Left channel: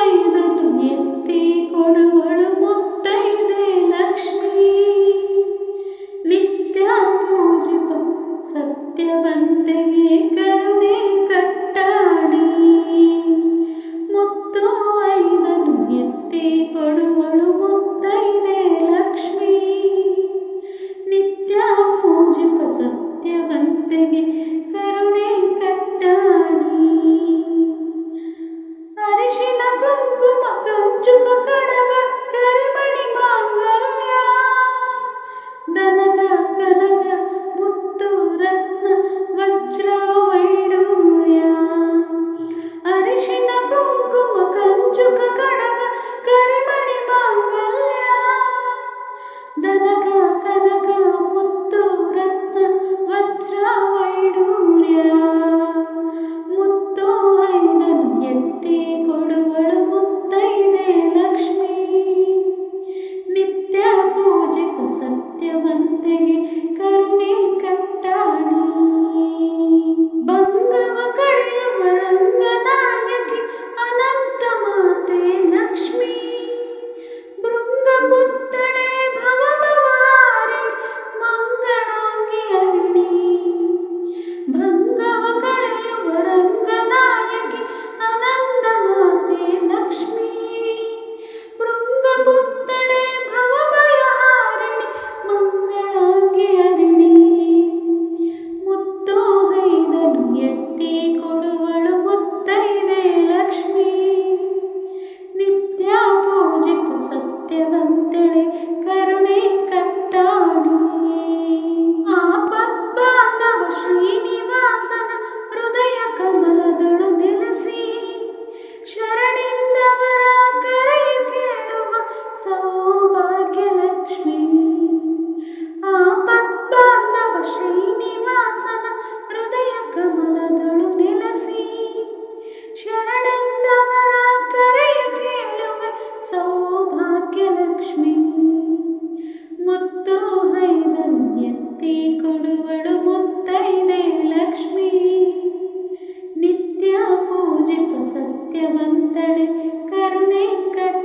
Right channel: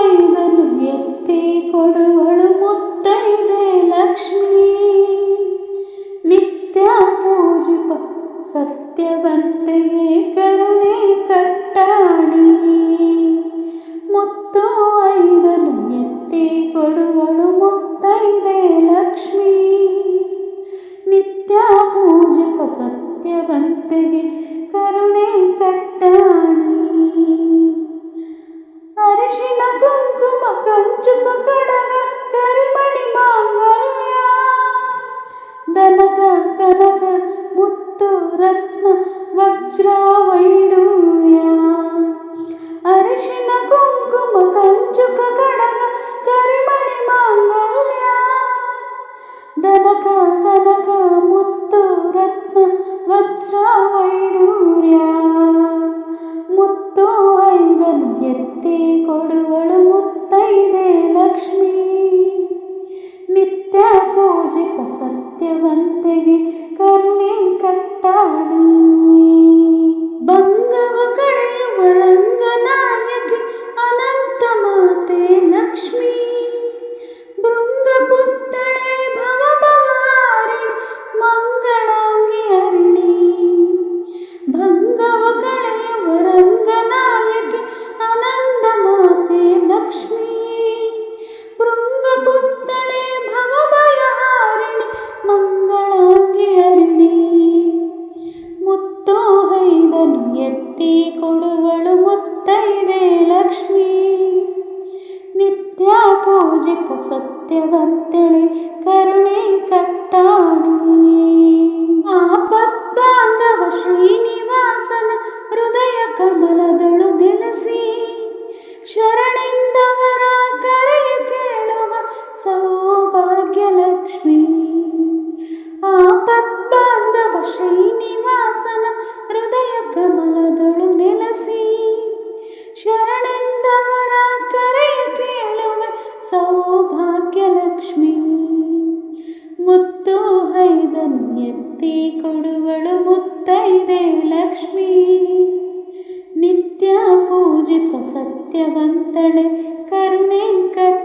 ಐದನ್ನು ಎತ್ತಿ ಕೊಡುವಳು ಮುತ್ತೈದೆ ಲಕ್ಷ್ಮೀ. ನಿತ್ಯ ಪೂಜಿಪ ಸತ್ಯವಂತೆಗೆ ಕರುಣೆ ಕಟ್ಟಾಡಿ. ಮುತ್ತು ಐದನ್ನು ಎತ್ತಿ ಕೊಡುವಳು ಮುತ್ತೈದೆ ಲಕ್ಷ್ಮೀ. ನಿತ್ಯ ಪೂಜಿಪ ಸತ್ಯವಂತೆಗೆ ಕರುಣೆ ಕಟ್ಟಾಡಿ. ಅರಿಶಿನ ಕುಂಕುಮ ಕಂಚುಕ ಕಡಗ ಕರಿಮಣಿ ಮಾಂಗಲ್ಯ. ದನಕ ಕನಕ ಮುತ್ತು ರತ್ನ ವಜ್ರ ವೈಡೂರ್ಯ. ಅರಿಶಿನ ಕುಂಕುಮ ಕಂಚುಕ ಕಡಗ ಕರಿಮಣಿ ಮಾಂಗಲ್ಯ. ದನಕ ಕನಕ ಮುತ್ತು ರತ್ನ ವಜ್ರ ವೈಡೂರ್ಯ. ಮುತ್ತು ಐದನ್ನು ಎತ್ತಿ ಕೊಡುವಳು ಮುತ್ತೈದೆ ಲಕ್ಷ್ಮೀ. ನಿತ್ಯ ಪೂಜಿಪ ಸತ್ಯವಂತೆಗೆ ಕರುಣೆ ಕಟ್ಟಾಡಿ. ಭಂಗವ ಕಳೆಯುವ ರಂಗನಾಯಕಿ ಅನಂತ ಮಾತೆ ಲಕ್ಷ್ಮೀ. ಭೃಂಗ ಪುತ್ತಳೆ ಭವ ಭವಾರಿಣಿ ಮಂಗಳಾಂಗಿ ಹರಿಣಿ. ಭಂಗವ ಕಳೆಯುವ ರಂಗನಾಯಕಿ ಅನಂತ ಮಾತೆ ಲಕ್ಷ್ಮೀ. ಭೃಂಗ ಪುತ್ತಳೆ ಭವ ಭಯಹಾರಿಣಿ ಮಂಗಳಾಂಗಿ ಹರಿಣಿ. ಮುತ್ತು ಐದನ್ನು ಎತ್ತಿ ಕೊಡುವಳು ಮುತ್ತೈದೆ ಲಕ್ಷ್ಮೀ. ನಿತ್ಯ ಪೂಜಿಪ ಸತ್ಯವಂತೆಳೆ ಕರುಣೆ ಕಟ್ಟಾಡಿ. ಆಪದ್ಬಾಂಧವ ಶ್ರೀನಿವಾಸನ ಹೃದಯ ಕಮಲದಳು ನೆಲೆಸಿ. ಶರಣೆಂದವರ ಕರೆಯು ಕೇಳುವ ಸೌಭಾಗ್ಯ ಲಕ್ಷ್ಮೀ. ಆಪದ್ಬಾಂಧವ ಶ್ರೀನಿವಾಸನ ಹೃದಯ ಕಮಲದಳು ನೆಲೆಸಿ. ಶರಣೆಂದವರ ಕರೆಯು ಕೇಳುವ ಸೌಭಾಗ್ಯ ಲಕ್ಷ್ಮೀ. ಮುತ್ತು ಐದನ್ನು ಎತ್ತಿ ಕೊಡುವಳು ಮುತ್ತೈದೆ ಲಕ್ಷ್ಮೀ. ನಿತ್ಯ ಪೂಜಿಪ ಸತ್ಯವಂತಳೆ ಕರುಣೆ ಕಟ್ಟಾಡಿ.